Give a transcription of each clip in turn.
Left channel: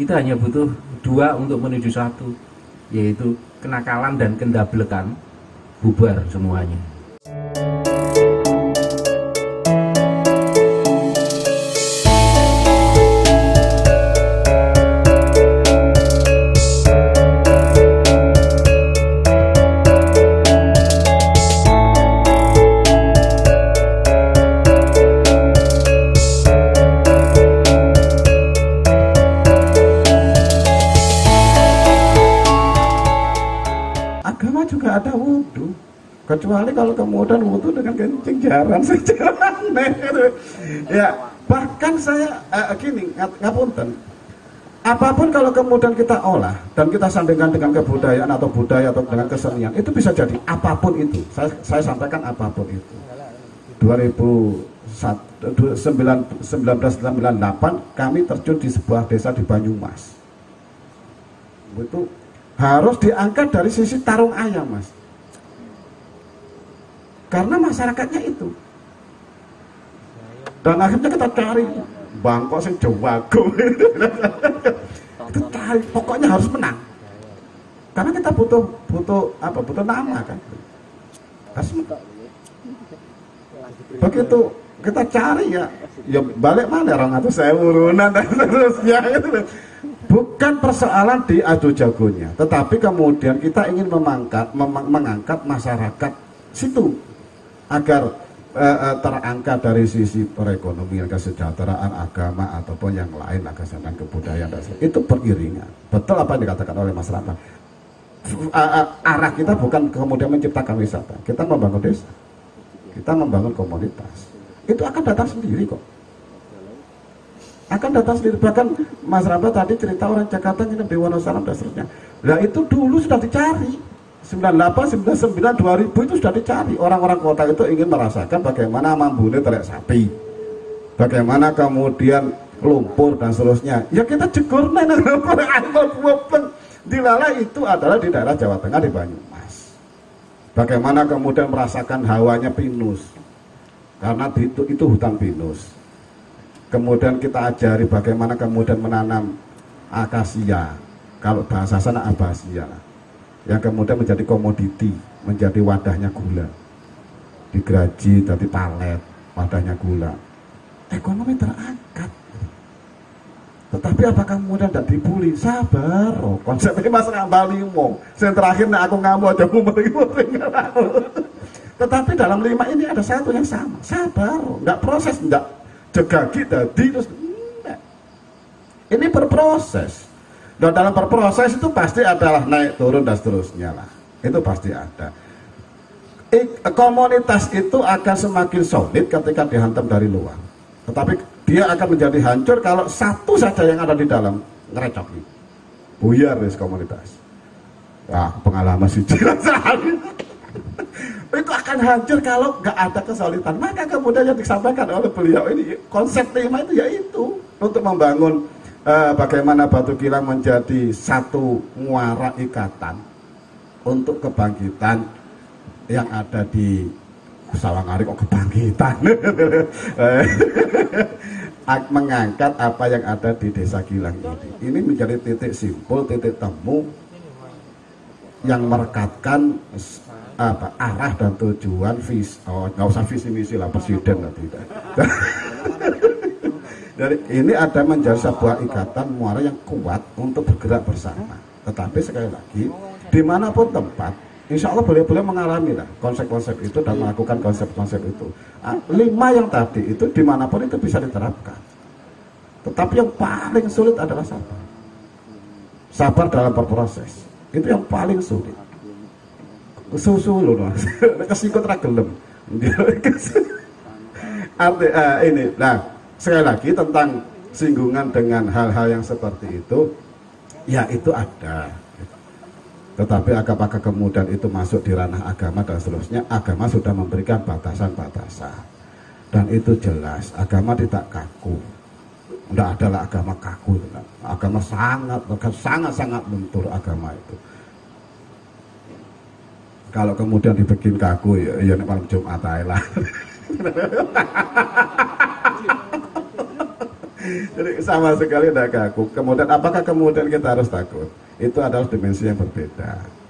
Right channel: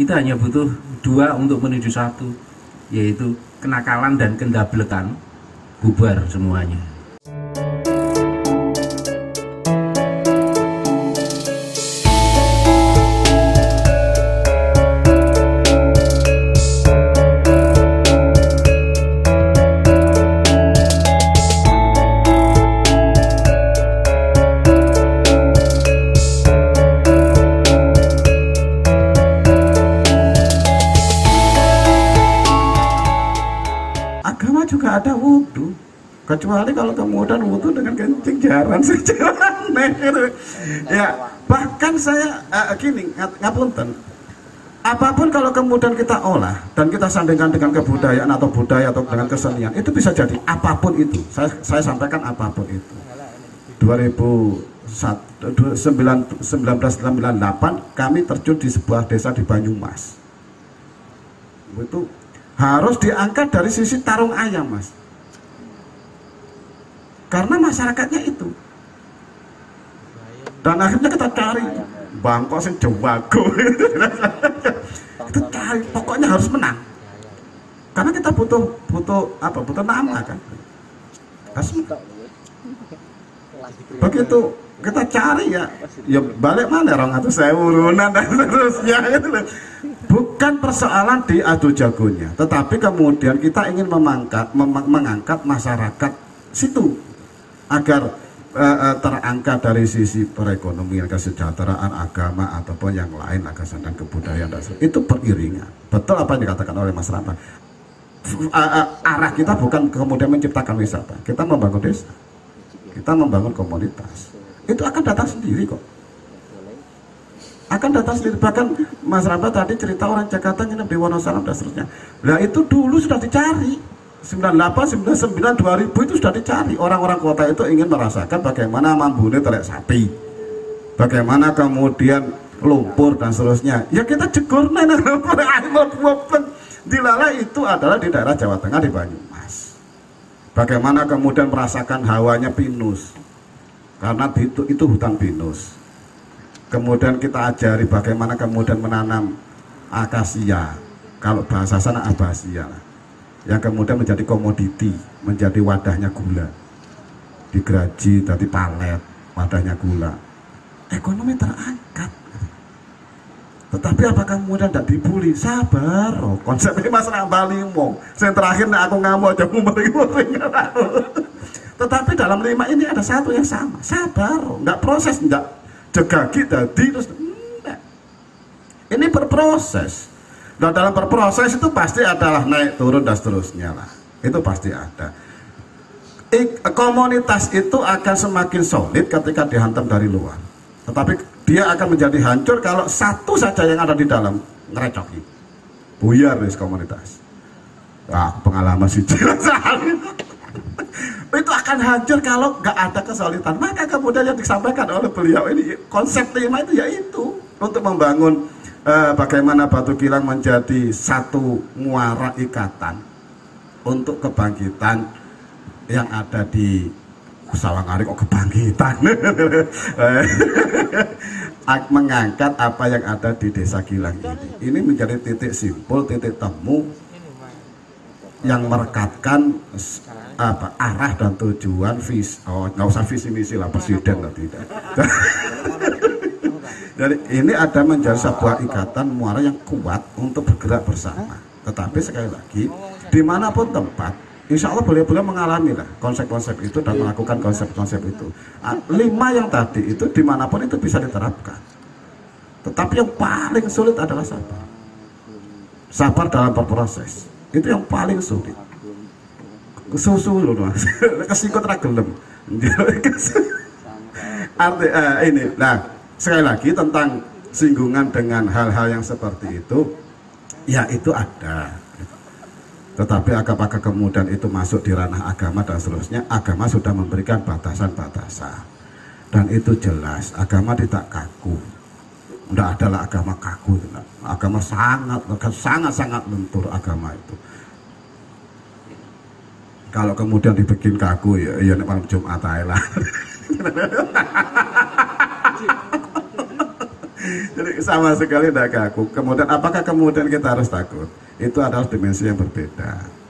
kita hanya butuh dua untuk menuju satu, yaitu kenakalan dan kendablekan, bubar semuanya. Juga ada wudhu, kecuali kalau kemudian wudhu dengan kencing jarang saja aneh gitu. Ya bahkan saya gini ngapunten, apapun kalau kemudian kita olah dan kita sandingkan dengan kebudayaan atau budaya atau dengan kesenian, itu bisa jadi apapun itu. Saya sampaikan apapun itu. 1998 kami terjun di sebuah desa di Banyumas. Itu harus diangkat dari sisi tarung ayam, Mas, karena masyarakatnya itu. Dan akhirnya kita cari bangkok sing jawago kita cari, pokoknya harus menang, karena kita butuh nama kan, harus menang. Begitu kita cari ya balik mana orang atau saya urunan dan seterusnya gitu. Bukan persoalan di adu jagonya, tetapi kemudian kita ingin mengangkat masyarakat situ agar terangkat dari sisi perekonomian, kesejahteraan, agama ataupun yang lain, kesenian, kebudayaan, itu beriringan. Betul apa yang dikatakan oleh Mas Ramba. Arah kita bukan kemudian menciptakan wisata, kita membangun desa, kita membangun komunitas. Itu akan datang sendiri kok. Akan datang sendiri. Bahkan Mas Ramba tadi cerita orang Jakarta nginep di Wonosalam dan seterusnya. Nah itu dulu sudah dicari. 98, 99, 2000 itu sudah dicari. Orang-orang kota itu ingin merasakan bagaimana mambune telek sapi, bagaimana kemudian lumpur dan seterusnya. Ya kita jegur Dilala itu adalah di daerah Jawa Tengah di Banyumas. Bagaimana kemudian merasakan hawanya pinus, karena itu hutan pinus. Kemudian kita ajari bagaimana kemudian menanam akasia, kalau bahasa sana abasia, yang kemudian menjadi komoditi, menjadi wadahnya gula, digraji dari palet, wadahnya gula. Ekonomi terangkat. Tetapi apakah kemudian tidak dibully? Sabar, konsepnya Mas Ramba limo. Yang terakhir aku ngamuk ada umur. Tetapi dalam 5 ini ada satu yang sama. Sabar, nggak proses, nggak jegagi tadi terus enggak. Ini berproses. Dan dalam berproses itu pasti adalah naik turun dan seterusnya lah. Itu pasti ada. Komunitas itu akan semakin solid ketika dihantam dari luar. Tetapi dia akan menjadi hancur kalau satu saja yang ada di dalam ngerecoki. Buyar wis komunitas. Wah, pengalaman sih itu akan hancur kalau nggak ada kesulitan. Maka kemudian yang disampaikan oleh beliau ini, konsep tema itu yaitu untuk membangun bagaimana Batu Kilang menjadi satu muara ikatan untuk kebangkitan yang ada di Sawangari. Kok kebangkitan mengangkat apa yang ada di Desa Kilang ini menjadi titik simpul, titik temu yang merekatkan arah dan tujuan nggak usah visi misi lah presiden lah, tidak. Jadi ini ada menjadi sebuah ikatan muara yang kuat untuk bergerak bersama. Tetapi sekali lagi dimanapun tempat, insya Allah beliau mengalami lah konsep-konsep itu dan melakukan konsep-konsep itu. 5 yang tadi itu dimanapun itu bisa diterapkan. Tetapi yang paling sulit adalah sabar. Sabar dalam berproses itu yang paling sulit. Susu loh Mas, kesikut ragelem. Ini, nah sekali lagi tentang singgungan dengan hal-hal yang seperti itu, ya itu ada. Tetapi apakah kemudian itu masuk di ranah agama dan seterusnya? Agama sudah memberikan batasan-batasan, dan itu jelas agama tidak kaku. Tidak adalah agama kaku, agama sangat lentur agama itu. Kalau kemudian dibikin kaku ya ini malam Jumat aja lah. Jadi sama sekali tidak kaku. Kemudian apakah kemudian kita harus takut? Itu adalah dimensi yang berbeda.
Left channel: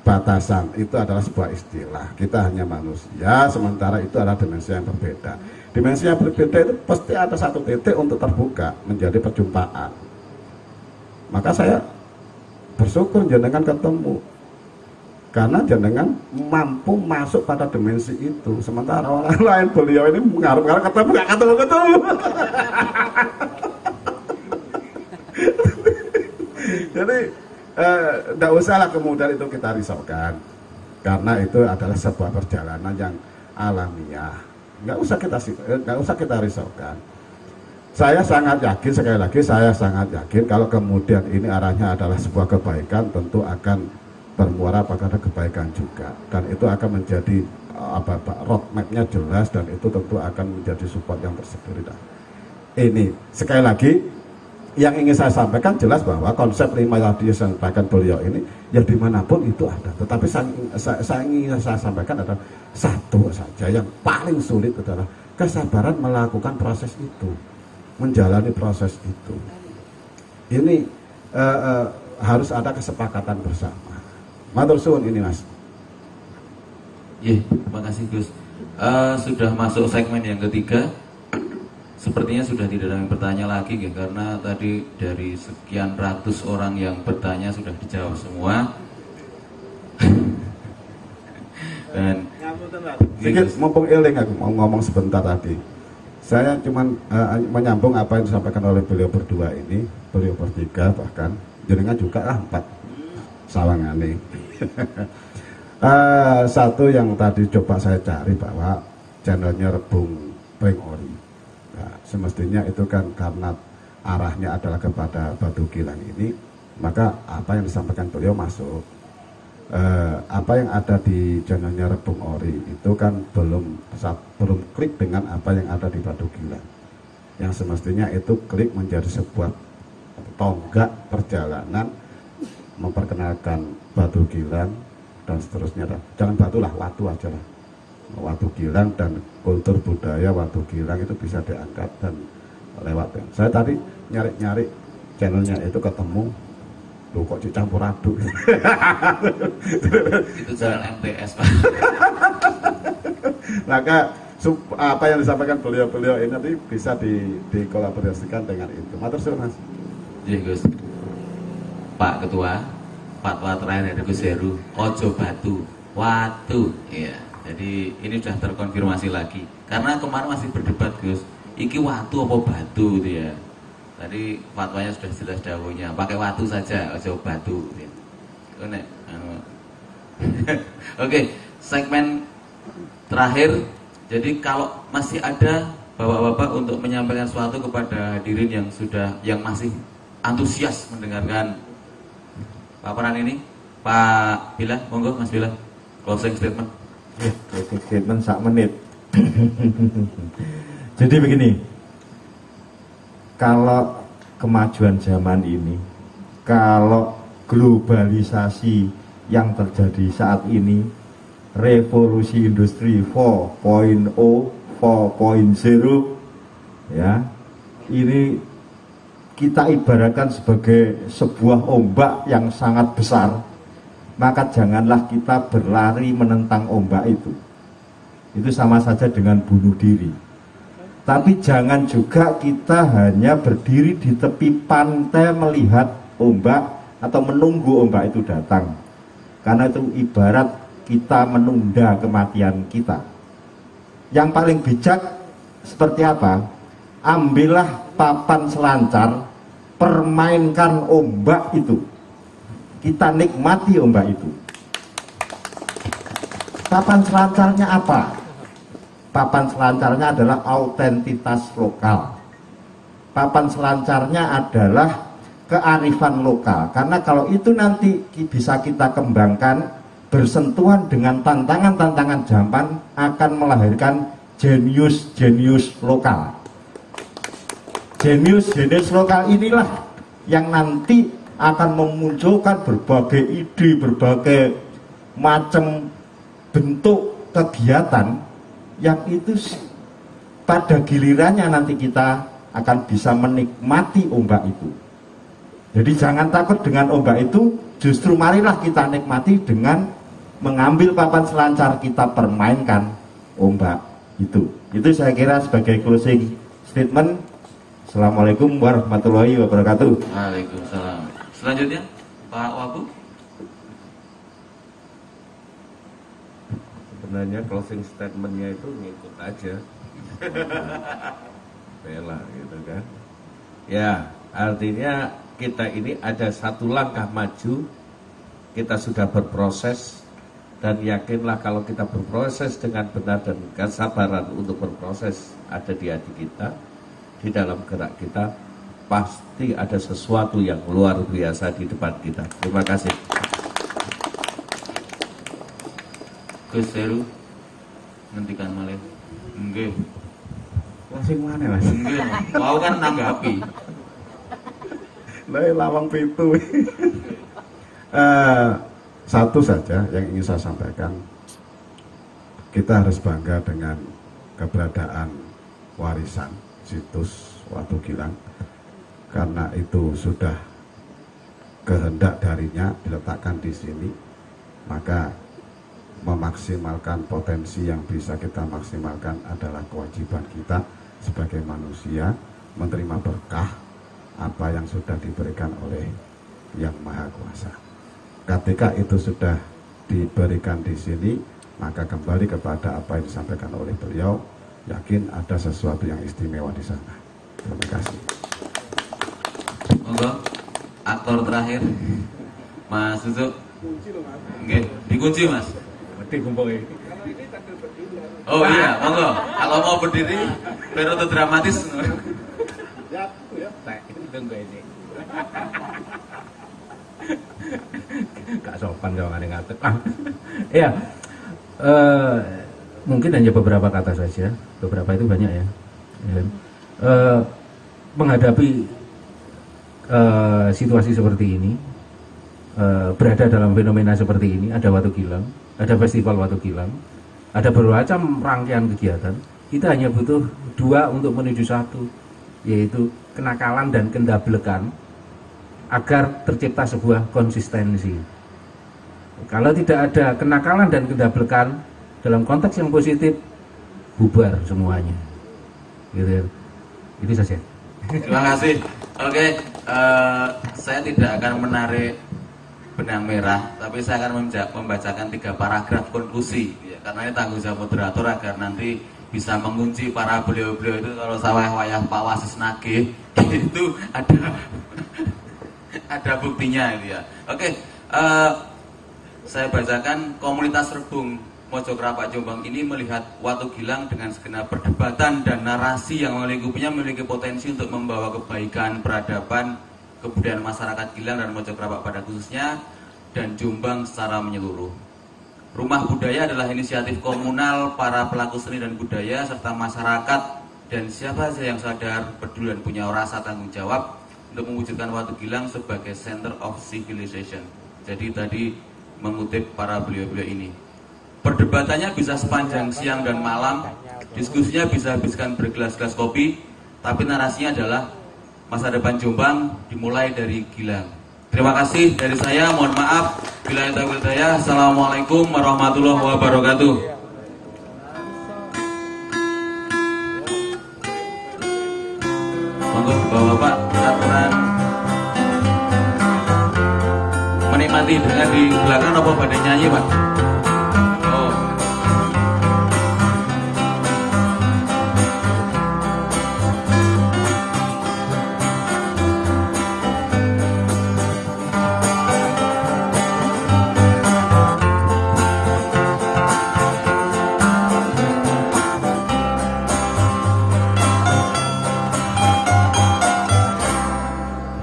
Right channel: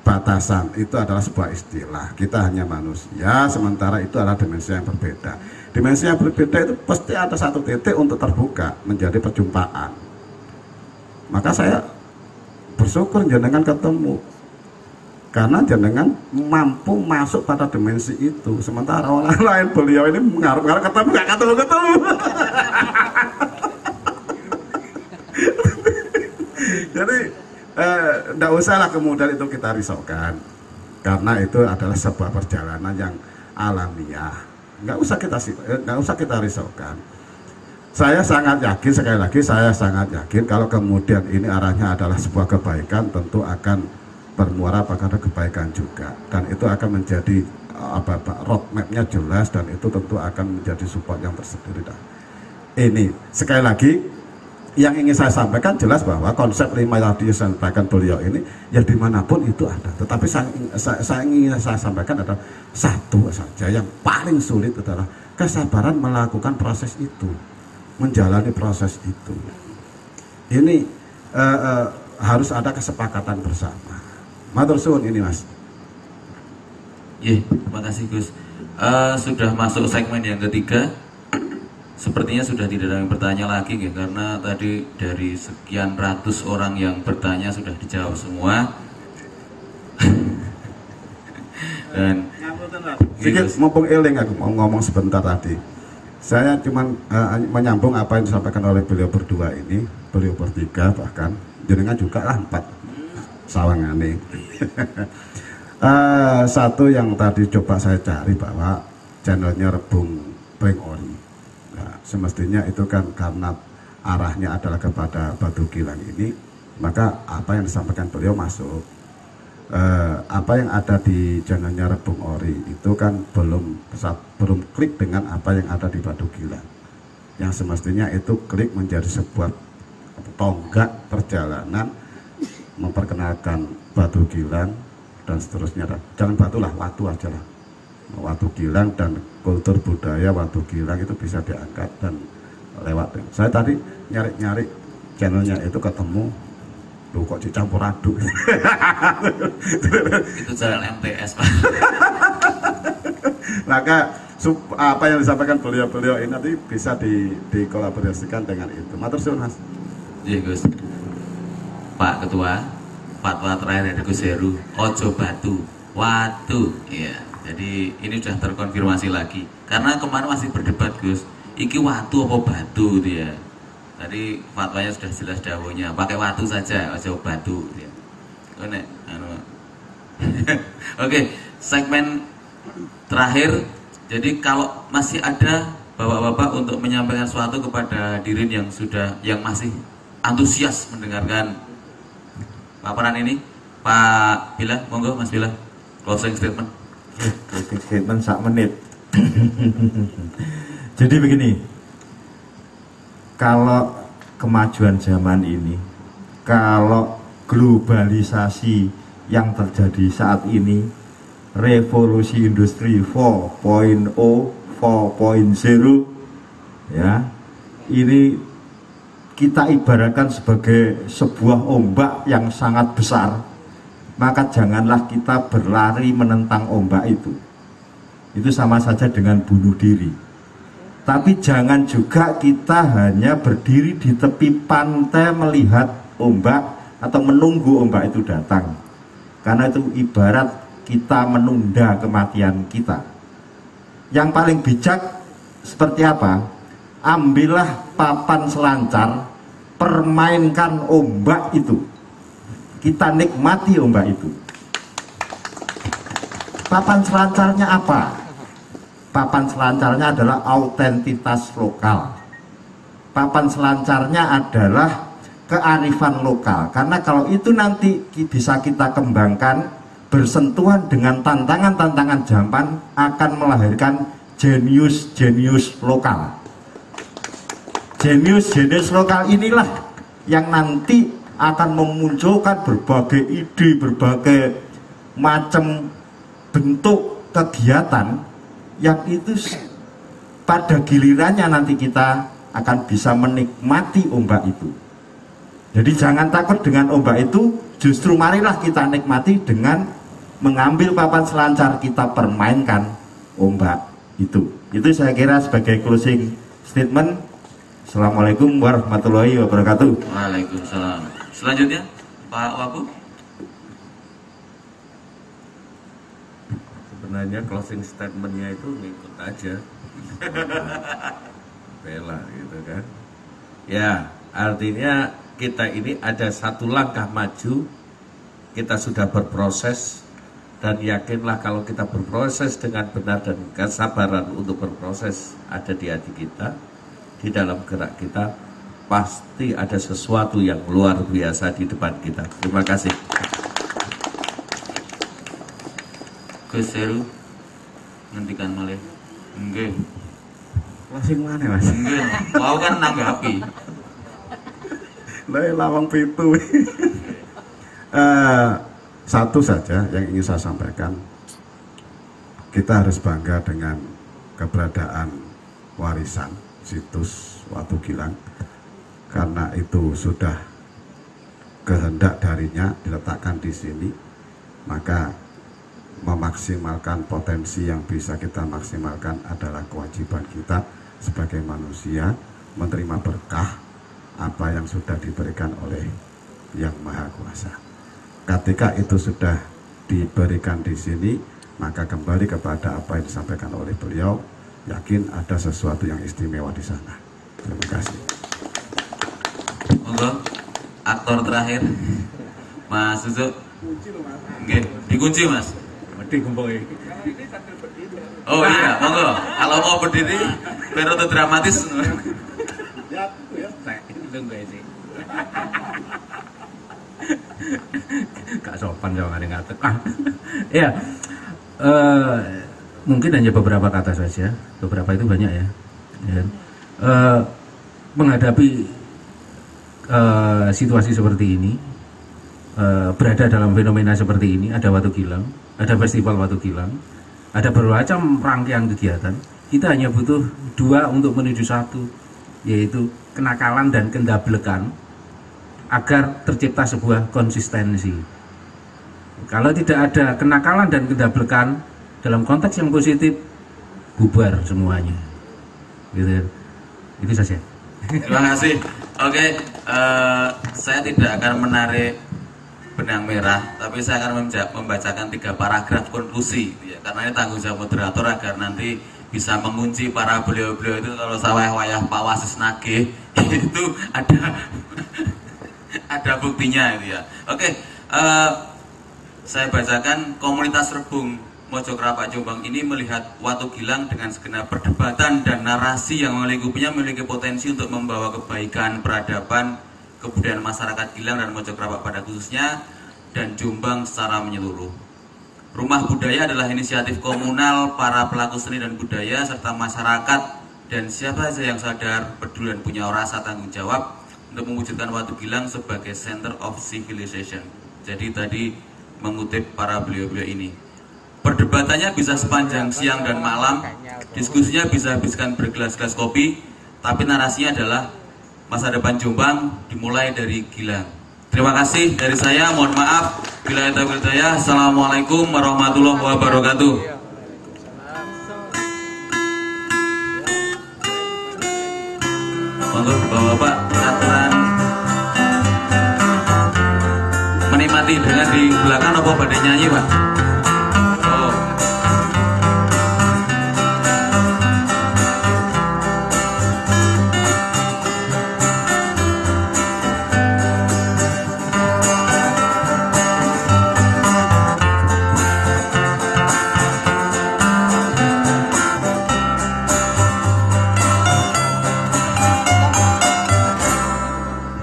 Batasan itu adalah sebuah istilah. Kita hanya manusia, sementara itu adalah dimensi yang berbeda. Dimensi yang berbeda itu pasti ada satu titik untuk terbuka menjadi perjumpaan. Maka saya bersyukur jenengan ketemu, karena jenengan mampu masuk pada dimensi itu. Sementara orang lain, beliau ini mengarung-arung ketemu, nggak ketemu. Jadi tidak usahlah kemudian itu kita risaukan, karena itu adalah sebuah perjalanan yang alamiah. Nggak usah kita risaukan. Saya sangat yakin, sekali lagi saya sangat yakin kalau kemudian ini arahnya adalah sebuah kebaikan, tentu akan bermuara pada kebaikan juga, dan itu akan menjadi roadmapnya jelas, dan itu tentu akan menjadi support yang tersendiri. Ini sekali lagi yang ingin saya sampaikan jelas bahwa konsep 5 tadi yang disampaikan beliau ini ya dimanapun itu ada, tetapi saya ingin saya sampaikan adalah satu saja yang paling sulit adalah kesabaran melakukan proses itu, menjalani proses itu. Ini harus ada kesepakatan bersama. Matur suwun ini Mas. Iya, terima kasih Gus. Sudah masuk segmen yang ketiga. Sepertinya sudah tidak ada yang bertanya lagi ya, karena tadi dari sekian ratus orang yang bertanya sudah dijawab semua. Dan sedikit mumpung eling aku mau ngomong sebentar tadi. Saya cuma menyambung apa yang disampaikan oleh beliau berdua ini, beliau bertiga bahkan, jenengan juga lah 4 sawangane. Satu yang tadi coba saya cari bahwa channelnya Rebung Pring Ori. Nah, semestinya itu kan karena arahnya adalah kepada Batu Gilang ini, maka apa yang disampaikan beliau masuk. Apa yang ada di channelnya Rebung Ori itu kan belum klik dengan apa yang ada di Batu Gilang. Yang semestinya itu klik menjadi sebuah tonggak perjalanan memperkenalkan Batu Gilang dan seterusnya. Jangan batu lah, watu aja lah. Watu Gilang dan kultur budaya Watu Gilang itu bisa diangkat dan lewat. Saya tadi nyari-nyari channelnya itu ketemu, loh kok dicampur aduk. itu channel MTS Pak. Maka apa yang disampaikan beliau-beliau ini nanti bisa dikolaborasikan dengan itu. Matur suwun Mas. Iya Gus. Pak Ketua, fatwa terakhir dari Gus Heru, ojo batu, watu. Iya. Jadi ini sudah terkonfirmasi lagi. Karena kemarin masih berdebat Gus, iki watu apa batu gitu ya. Tadi fatwanya sudah jelas dawuhnya, pakai watu saja, ojo batu. Ya. Oke, segmen terakhir. Jadi kalau masih ada bapak-bapak untuk menyampaikan sesuatu kepada Dirin yang masih antusias mendengarkan paparan ini, Pak Bila, monggo Mas Bila, closing statement. Closing statement 1 menit. Jadi begini, kalau kemajuan zaman ini, kalau globalisasi yang terjadi saat ini, revolusi industri 4.0, 4.0, ya, ini kita ibaratkan sebagai sebuah ombak yang sangat besar. Maka janganlah kita berlari menentang ombak itu. Itu sama saja dengan bunuh diri. Tapi jangan juga kita hanya berdiri di tepi pantai melihat ombak atau menunggu ombak itu datang. Karena itu ibarat kita menunda kematian kita. Yang paling bijak seperti apa? Ambillah papan selancar, permainkan ombak itu. Kita nikmati ombak itu. Papan selancarnya apa? Papan selancarnya adalah autentitas lokal. Papan selancarnya adalah kearifan lokal. Karena kalau itu nanti bisa kita kembangkan, bersentuhan dengan tantangan-tantangan zaman, akan melahirkan jenius-jenius lokal. Jenius-jenius lokal inilah yang nanti akan memunculkan berbagai ide, berbagai macam bentuk kegiatan yang itu pada gilirannya nanti kita akan bisa menikmati ombak itu. Jadi jangan takut dengan ombak itu, justru marilah kita nikmati dengan mengambil papan selancar, kita permainkan ombak itu. Itu saya kira sebagai closing statement. Assalamualaikum warahmatullahi wabarakatuh. Waalaikumsalam. Selanjutnya Pak Wabu. Sebenarnya closing statementnya itu ngikut aja bela gitu kan ya, artinya kita ini ada satu langkah maju, kita sudah berproses, dan yakinlah kalau kita berproses dengan benar dan kesabaran untuk berproses ada di hati kita, di dalam gerak kita, pasti ada sesuatu yang luar biasa di depan kita. Terima kasih. Gus Heru ngendikan malih. Nggih. Masing mana Mas? Nggih. Wau kan nanggapi. Lah lawang pintu. Satu saja yang ingin saya sampaikan, kita harus bangga dengan keberadaan warisan situs Watu Gilang, karena itu sudah kehendak darinya diletakkan di sini, maka memaksimalkan potensi yang bisa kita maksimalkan adalah kewajiban kita sebagai manusia, menerima berkah apa yang sudah diberikan oleh Yang Maha Kuasa. Ketika itu sudah diberikan di sini, maka kembali kepada apa yang disampaikan oleh beliau, yakin ada sesuatu yang istimewa di sana. Terima kasih. Monggo, aktor terakhir Mas Suzu. Nggih, dikunci Mas. Oh iya, monggo. Kalau mau berdiri, biar untuk dramatis. Gak sopan jawabannya ngatur. Ya, mungkin hanya beberapa kata saja. Beberapa itu banyak ya. Menghadapi situasi seperti ini, berada dalam fenomena seperti ini, ada Watu Gilang, ada festival Watu Gilang, ada bermacam rangkaian kegiatan. Kita hanya butuh dua untuk menuju satu, yaitu kenakalan dan kendablekan, agar tercipta sebuah konsistensi. Kalau tidak ada kenakalan dan kendablekan dalam konteks yang positif, bubar semuanya. Gitu ya. Itu saja. Terima kasih. Oke, saya tidak akan menarik benang merah, tapi saya akan membacakan 3 paragraf konklusi ya, karena ini tanggung jawab moderator agar nanti bisa mengunci para beliau-beliau itu. Kalau sawah-wayah Pak Wasis nagih itu ada buktinya itu ya. Oke, saya bacakan. Komunitas Rebung Mojokrapak Jombang ini melihat Watu Gilang dengan segenap perdebatan dan narasi yang melingkupinya memiliki potensi untuk membawa kebaikan, peradaban, kebudayaan masyarakat Gilang dan Mojokrapak pada khususnya, dan Jombang secara menyeluruh. Rumah budaya adalah inisiatif komunal para pelaku seni dan budaya serta masyarakat dan siapa saja yang sadar, peduli dan punya rasa tanggung jawab untuk mewujudkan Watu Gilang sebagai center of civilization. Jadi tadi mengutip para beliau-beliau ini. Perdebatannya bisa sepanjang siang dan malam, diskusinya bisa habiskan bergelas-gelas kopi, tapi narasinya adalah masa depan Jombang dimulai dari Gilang. Terima kasih dari saya, mohon maaf bila ada hidayah. Assalamualaikum warahmatullahi wabarakatuh. Monggo Bapak-bapak aturan menikmati dengan di belakang apa pada nyanyi Pak? Oh.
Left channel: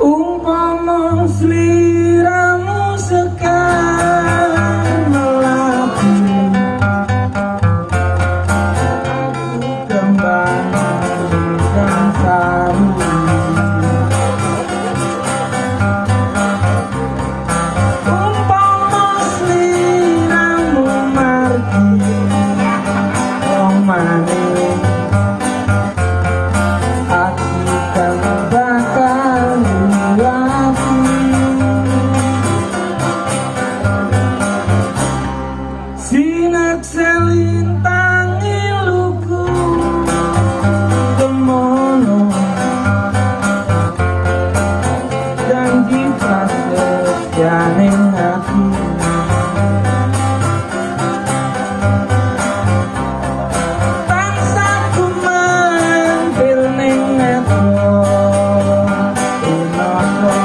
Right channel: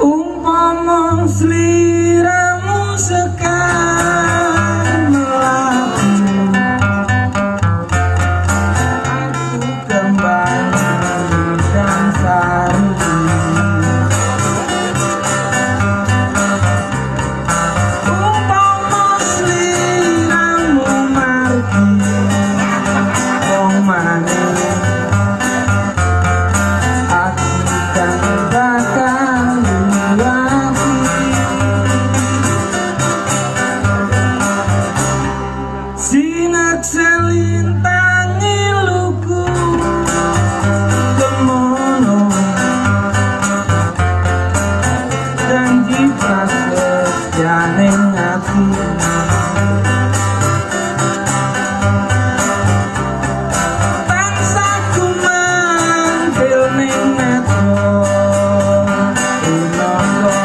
Umpama sliramu sekar melaku, aku kembali dan selalu. Umpama sliramu pergi, wong manis, aku ikhlas janing ati tansah kumantil ning netra unaka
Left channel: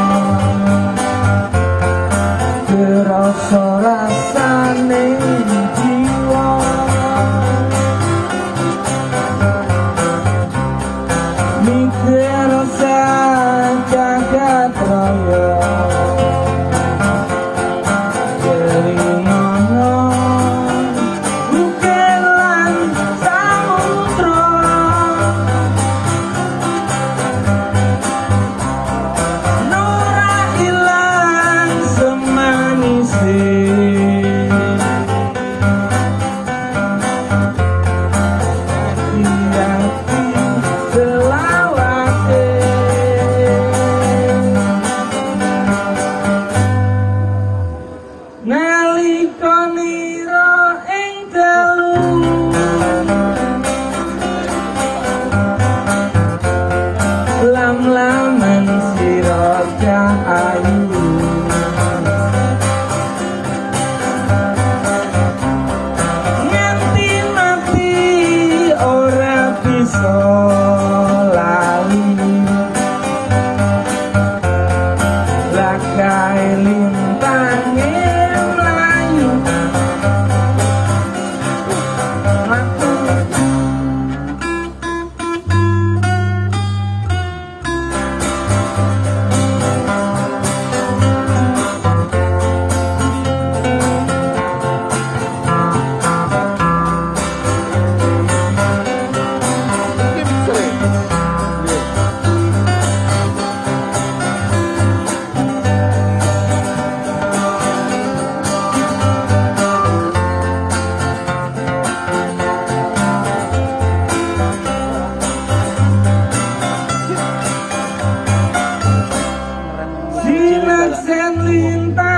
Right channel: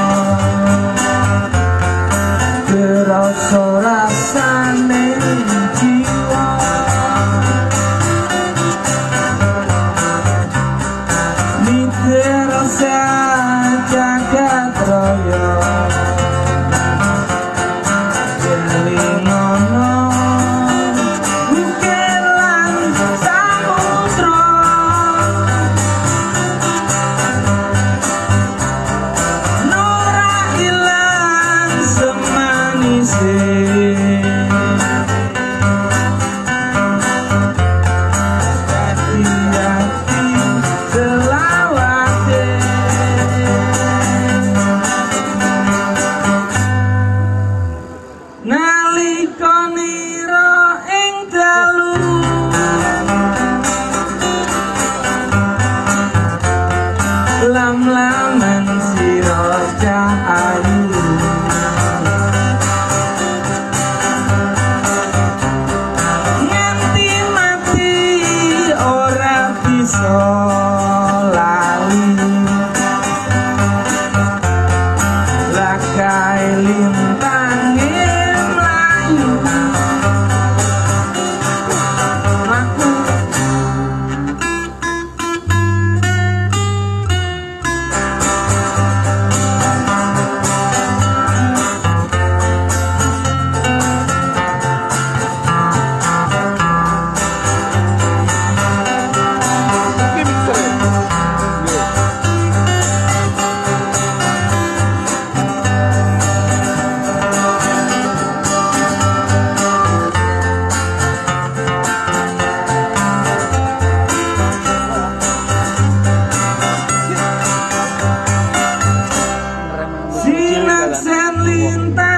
kerasa rasane jiwa mikir jagat raya jelingono bukan lan samudra nora ilang semanise hati-hati selawase nalika nira ing dalu lam-laman sira cahayu nganti mati ora bisa lali rakai lintange mlayu aku sinaksen lintang